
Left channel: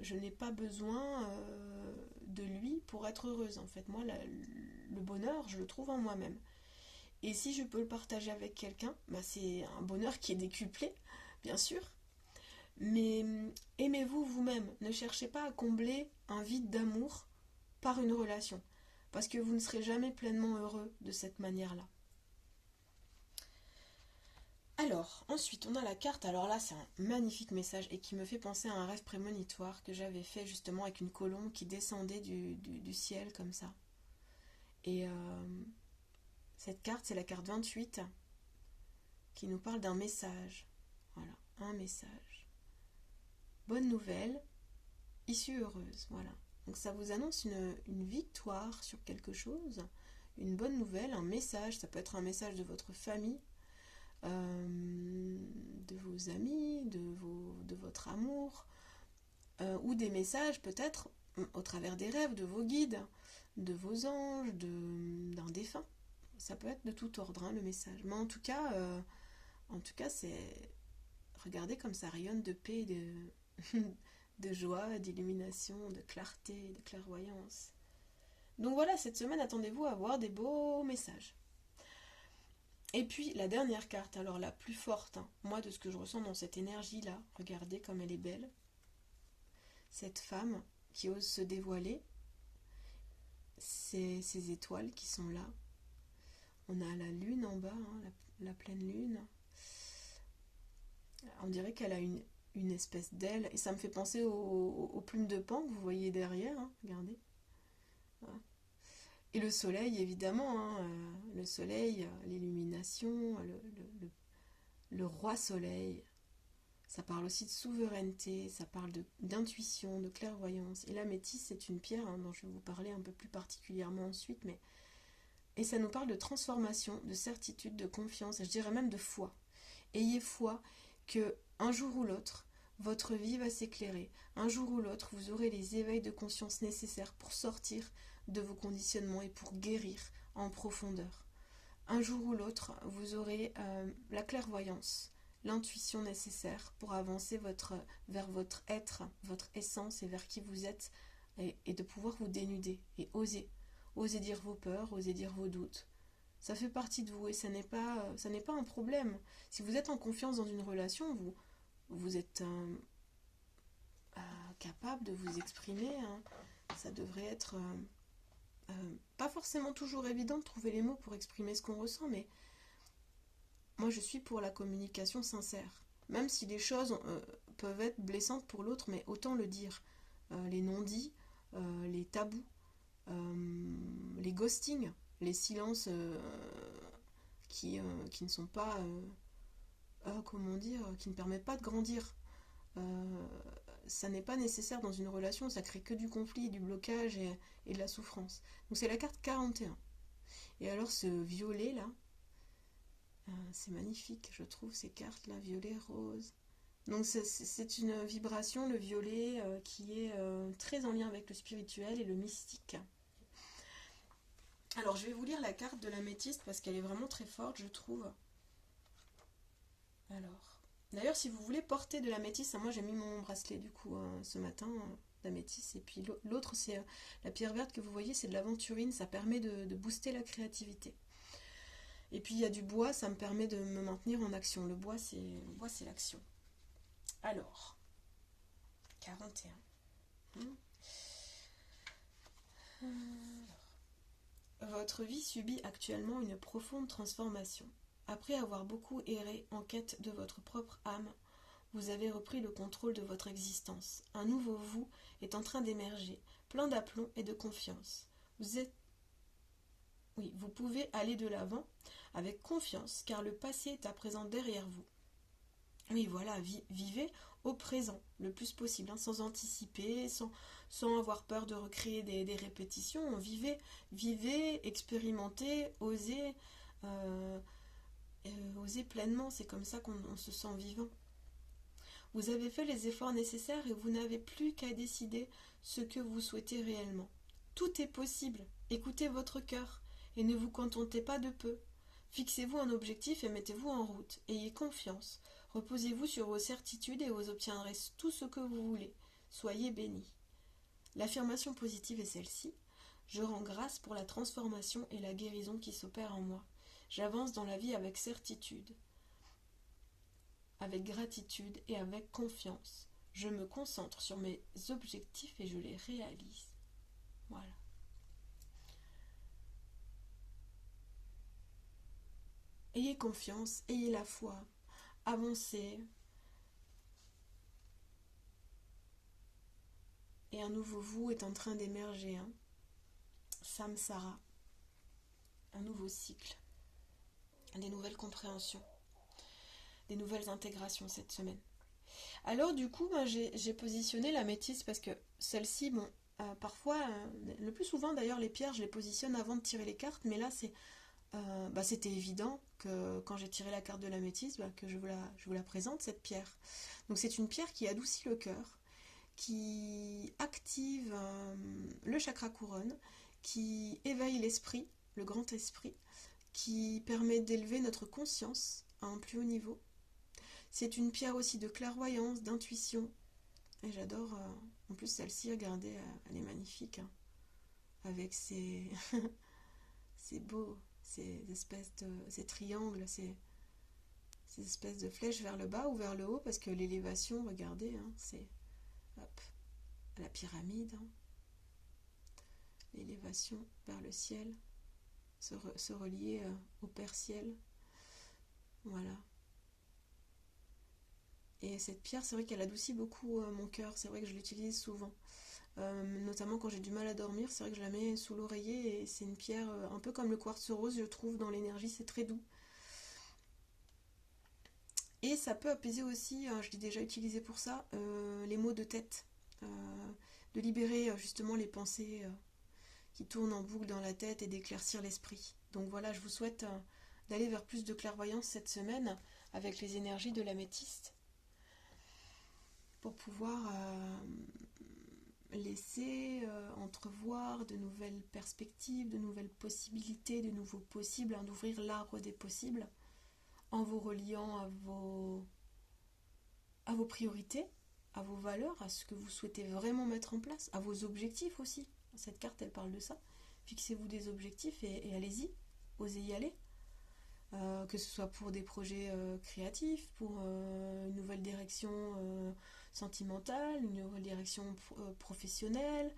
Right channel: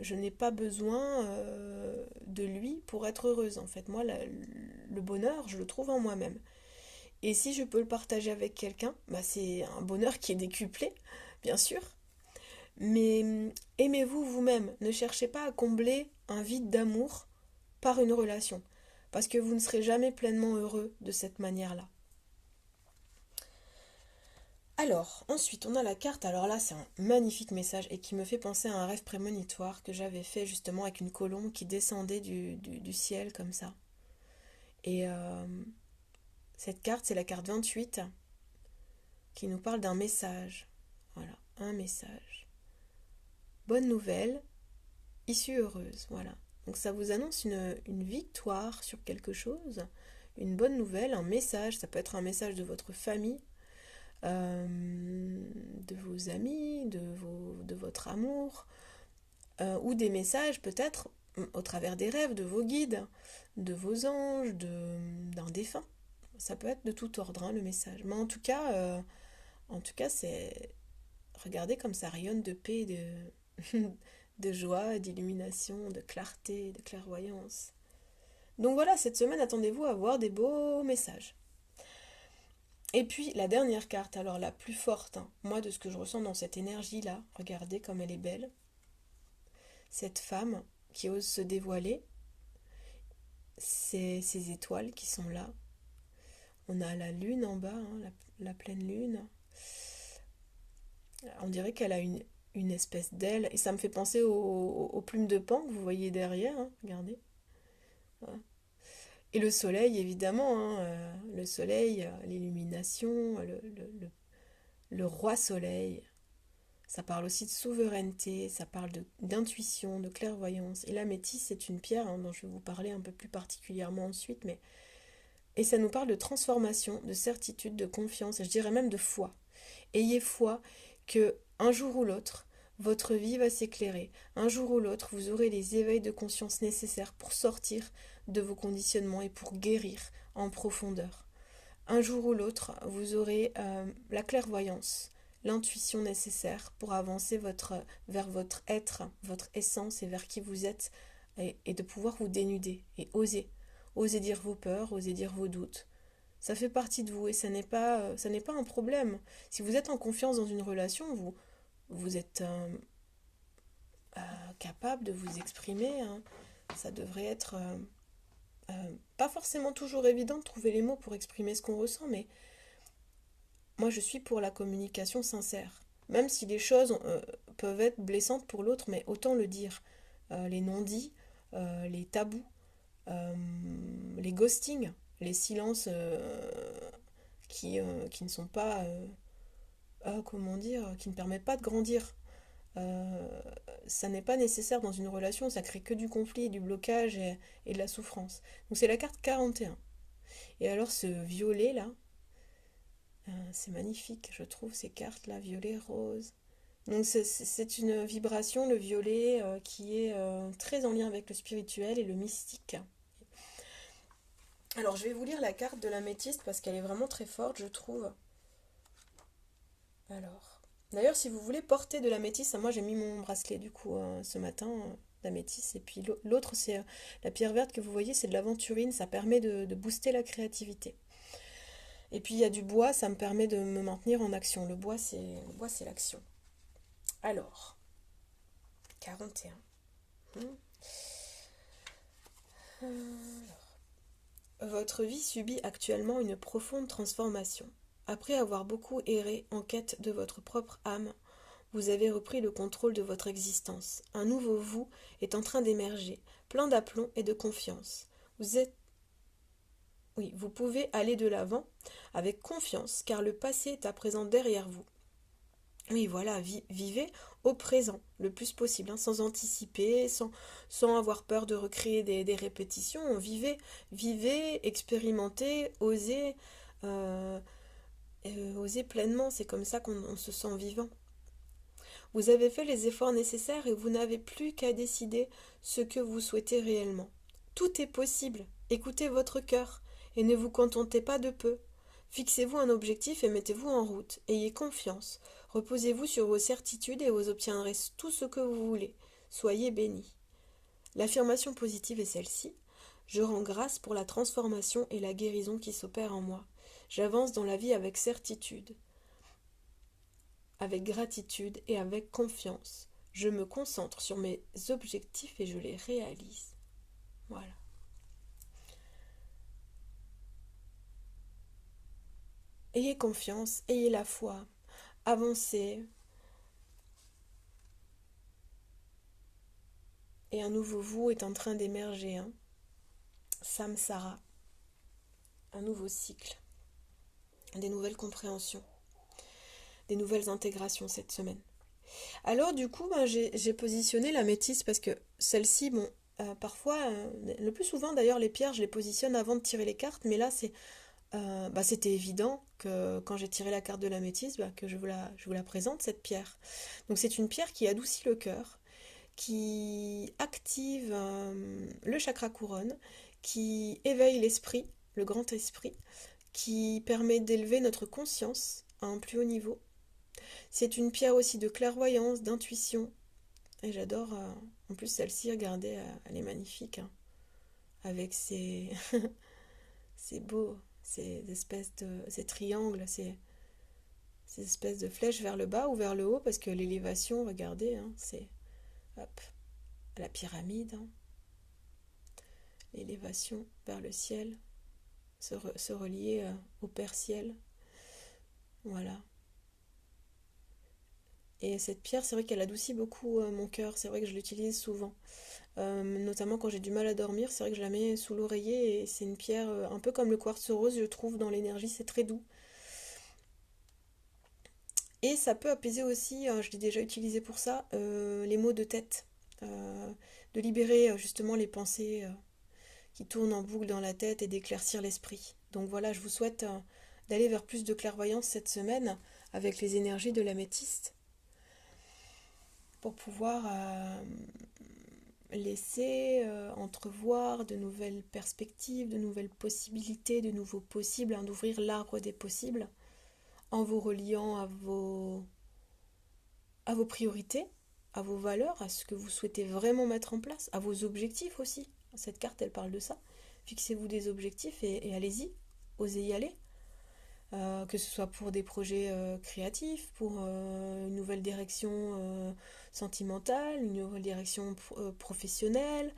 je n'ai pas besoin de lui pour être heureuse. En fait, moi, le bonheur, je le trouve en moi-même. Et si je peux le partager avec quelqu'un, bah c'est un bonheur qui est décuplé, bien sûr. Mais aimez-vous vous-même. Ne cherchez pas à combler un vide d'amour par une relation. Parce que vous ne serez jamais pleinement heureux de cette manière-là. Alors, ensuite, on a la carte. Alors là, c'est un magnifique message et qui me fait penser à un rêve prémonitoire que j'avais fait justement avec une colombe qui descendait du ciel comme ça. Et cette carte, c'est la carte 28 qui nous parle d'un message. Voilà, un message. Bonne nouvelle, issue heureuse. Voilà. Donc ça vous annonce une victoire sur quelque chose, une bonne nouvelle, un message. Ça peut être un message de votre famille, de vos amis, de votre amour, ou des messages peut-être au travers des rêves de vos guides, de vos anges, d'un défunt. Ça peut être de tout ordre, hein, le message. Mais en tout cas, c'est regardez comme ça rayonne de paix, de joie, d'illumination, de clarté, de clairvoyance. Donc voilà, cette semaine, attendez-vous à voir des beaux messages. Et puis la dernière carte, alors la plus forte, hein, moi de ce que je ressens dans cette énergie-là, regardez comme elle est belle. Cette femme qui ose se dévoiler, ces étoiles qui sont là. On a la lune en bas, hein, la pleine lune. On dirait qu'elle a une espèce d'aile, et ça me fait penser aux plumes de pan que vous voyez derrière, hein, regardez. Voilà. Et le soleil, évidemment, hein, le soleil, l'illumination, le roi soleil. Ça parle aussi de souveraineté, ça parle d'intuition, de clairvoyance. Et la métisse, c'est une pierre hein, dont je vais vous parler un peu plus particulièrement ensuite, mais et ça nous parle de transformation, de certitude, de confiance, et je dirais même de foi. Ayez foi que un jour ou l'autre, votre vie va s'éclairer. Un jour ou l'autre, vous aurez les éveils de conscience nécessaires pour sortir de vos conditionnements et pour guérir en profondeur. Un jour ou l'autre, vous aurez la clairvoyance, l'intuition nécessaire pour avancer vers votre être, votre essence et vers qui vous êtes et de pouvoir vous dénuder et oser. Osez dire vos peurs, osez dire vos doutes. Ça fait partie de vous et ça n'est pas un problème. Si vous êtes en confiance dans une relation, vous êtes capable de vous exprimer. Hein. Ça devrait être pas forcément toujours évident de trouver les mots pour exprimer ce qu'on ressent, mais moi je suis pour la communication sincère. Même si les choses peuvent être blessantes pour l'autre, mais autant le dire. Les non-dits, les tabous, les ghostings, les silences qui ne sont pas, comment dire, qui ne permettent pas de grandir. euh, ça n'est pas nécessaire dans une relation, ça crée que du conflit, du blocage et de la souffrance. Donc c'est la carte 41. Et alors ce violet là, c'est magnifique, je trouve ces cartes là, violet, rose. Donc c'est une vibration, le violet, qui est très en lien avec le spirituel et le mystique. Alors je vais vous lire la carte de l'améthyste parce qu'elle est vraiment très forte, je trouve. Alors, d'ailleurs, si vous voulez porter de l'améthyste, moi j'ai mis mon bracelet du coup ce matin d'améthyste. Et puis l'autre, c'est la pierre verte que vous voyez, c'est de l'aventurine, ça permet de booster la créativité. Et puis il y a du bois, ça me permet de me maintenir en action. Le bois, c'est l'action. Alors, 41. Votre vie subit actuellement une profonde transformation. Après avoir beaucoup erré en quête de votre propre âme, vous avez repris le contrôle de votre existence. Un nouveau vous est en train d'émerger, plein d'aplomb et de confiance. Vous êtes Oui, vous pouvez aller de l'avant avec confiance car le passé est à présent derrière vous. Oui, voilà, vivez au présent le plus possible, hein, sans anticiper, sans avoir peur de recréer des répétitions. Vivez, expérimentez, euh, osez pleinement, c'est comme ça qu'on se sent vivant. Vous avez fait les efforts nécessaires et vous n'avez plus qu'à décider ce que vous souhaitez réellement. Tout est possible. Écoutez votre cœur et ne vous contentez pas de peu. Fixez-vous un objectif et mettez-vous en route. Ayez confiance. Reposez-vous sur vos certitudes et vous obtiendrez tout ce que vous voulez. Soyez bénis. L'affirmation positive est celle-ci. Je rends grâce pour la transformation et la guérison qui s'opèrent en moi. J'avance dans la vie avec certitude, avec gratitude et avec confiance. Je me concentre sur mes objectifs et je les réalise. Voilà. Ayez confiance, ayez la foi, avancez. Et un nouveau vous est en train d'émerger. Hein. Samsara, un nouveau cycle, des nouvelles compréhensions, des nouvelles intégrations cette semaine. Alors du coup, ben, j'ai positionné la métisse parce que celle-ci, bon, parfois, le plus souvent d'ailleurs, les pierres, je les positionne avant de tirer les cartes, mais là, c'était évident que quand j'ai tiré la carte de la métisse, que je vous la présente, cette pierre. Donc c'est une pierre qui adoucit le cœur, qui active le chakra couronne, qui éveille l'esprit, le grand esprit, qui permet d'élever notre conscience à un plus haut niveau. C'est une pierre aussi de clairvoyance, d'intuition. Et j'adore, en plus celle-ci, regardez, elle est magnifique, hein, avec ces beaux, ces triangles, ces espèces de flèches vers le bas ou vers le haut, parce que l'élévation, regardez, hein, c'est, hop, la pyramide, hein, l'élévation vers le ciel, se relier au Père Ciel, voilà. Et cette pierre, c'est vrai qu'elle adoucit beaucoup mon cœur, c'est vrai que je l'utilise souvent. Notamment quand j'ai du mal à dormir, c'est vrai que je la mets sous l'oreiller et c'est une pierre un peu comme le quartz rose, je trouve, dans l'énergie, c'est très doux. Et ça peut apaiser aussi, je l'ai déjà utilisé pour ça, les maux de tête, euh, de libérer justement les pensées qui tournent en boucle dans la tête et d'éclaircir l'esprit. Donc voilà, je vous souhaite d'aller vers plus de clairvoyance cette semaine avec les énergies de l'améthyste pour pouvoir laisser entrevoir de nouvelles perspectives, de nouvelles possibilités, de nouveaux possibles, hein, d'ouvrir l'arbre des possibles en vous reliant à vos priorités, à vos valeurs, à ce que vous souhaitez vraiment mettre en place, à vos objectifs aussi. Cette carte, elle parle de ça. Fixez-vous des objectifs et allez-y, osez y aller. Que ce soit pour des projets créatifs, pour une nouvelle direction sentimentale, une nouvelle direction professionnelle,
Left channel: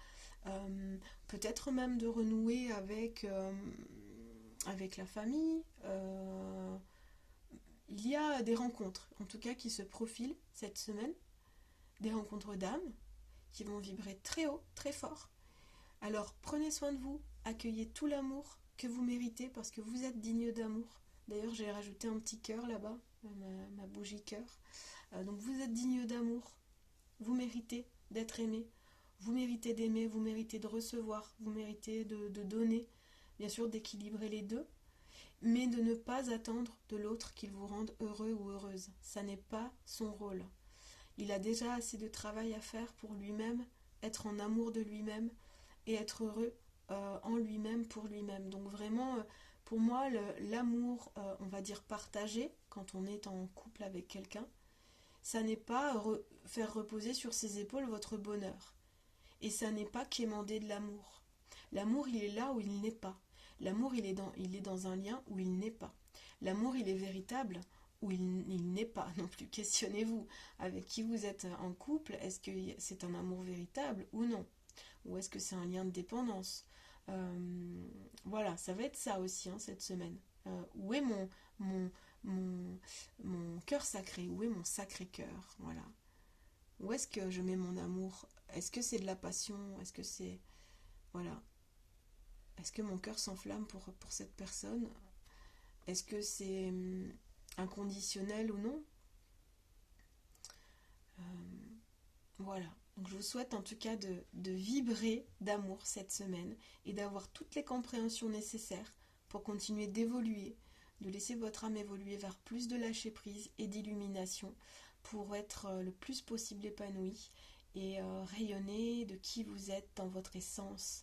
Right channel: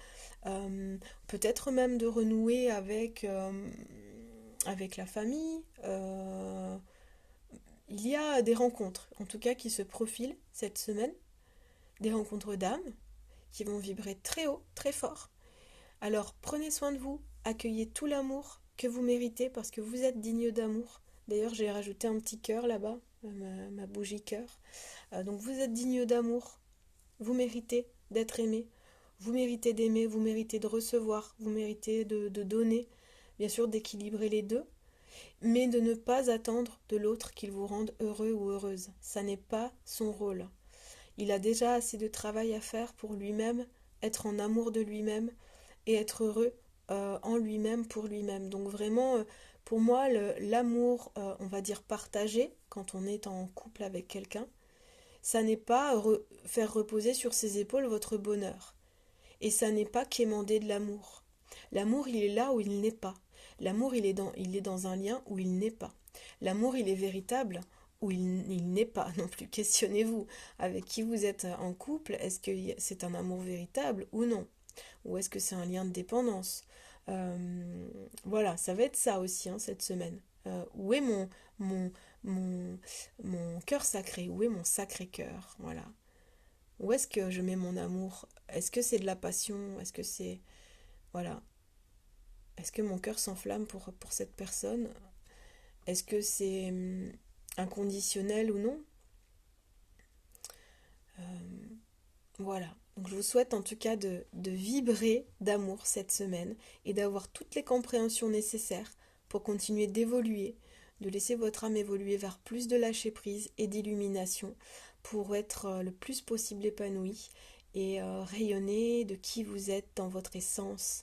peut-être même de renouer avec la famille. Il y a des rencontres, en tout cas, qui se profilent cette semaine, des rencontres d'âmes qui vont vibrer très haut, très fort. Alors prenez soin de vous, accueillez tout l'amour que vous méritez parce que vous êtes digne d'amour. D'ailleurs, j'ai rajouté un petit cœur là-bas, ma bougie cœur. Donc vous êtes digne d'amour, Vous méritez d'être aimé. Vous méritez d'aimer, vous méritez de recevoir, vous méritez de donner. Bien sûr, d'équilibrer les deux, mais de ne pas attendre de l'autre qu'il vous rende heureux ou heureuse. Ça n'est pas son rôle. Il a déjà assez de travail à faire pour lui-même, être en amour de lui-même et être heureux en lui-même pour lui-même. Donc vraiment, pour moi, l'amour, on va dire partagé, quand on est en couple avec quelqu'un, ça n'est pas faire reposer sur ses épaules votre bonheur. Et ça n'est pas quémander de l'amour. L'amour, il est là où il n'est pas. L'amour, il est dans un lien où il n'est pas. L'amour, il est véritable où il n'est pas non plus. Questionnez-vous avec qui vous êtes en couple. Est-ce que c'est un amour véritable ou non? Ou est-ce que c'est un lien de dépendance? Euh, voilà, ça va être ça aussi hein, cette semaine. Où est mon, mon, mon cœur sacré? Où est mon sacré cœur? Voilà. Où est-ce que je mets mon amour? Est-ce que c'est de la passion? Est-ce que c'est... Voilà. Est-ce que mon cœur s'enflamme pour cette personne? Est-ce que c'est inconditionnel ou non? Euh, voilà. Donc je vous souhaite en tout cas de vibrer d'amour cette semaine et d'avoir toutes les compréhensions nécessaires pour continuer d'évoluer, de laisser votre âme évoluer vers plus de lâcher prise et d'illumination pour être le plus possible épanoui et rayonner de qui vous êtes dans votre essence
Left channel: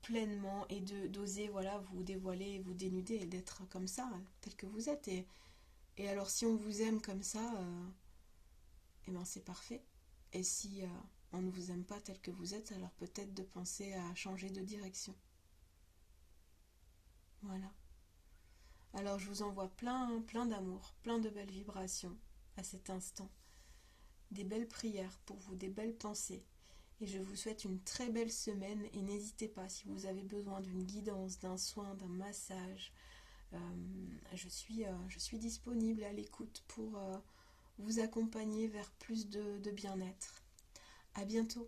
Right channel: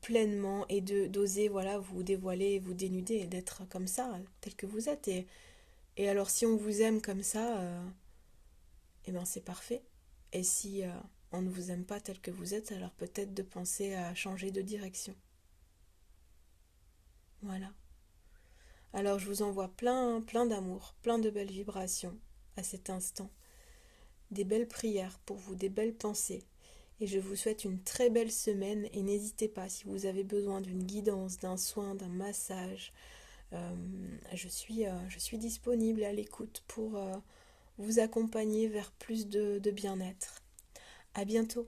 pleinement et d'oser voilà vous dévoiler, vous dénuder et d'être comme ça, tel que vous êtes. Et alors si on vous aime comme ça, eh ben c'est parfait. Et si on ne vous aime pas tel que vous êtes, alors peut-être de penser à changer de direction. Voilà. Alors je vous envoie plein d'amour, plein de belles vibrations à cet instant. Des belles prières pour vous, des belles pensées. Et je vous souhaite une très belle semaine et n'hésitez pas si vous avez besoin d'une guidance, d'un soin, d'un massage. Je suis disponible à l'écoute pour vous accompagner vers plus de bien-être. À bientôt.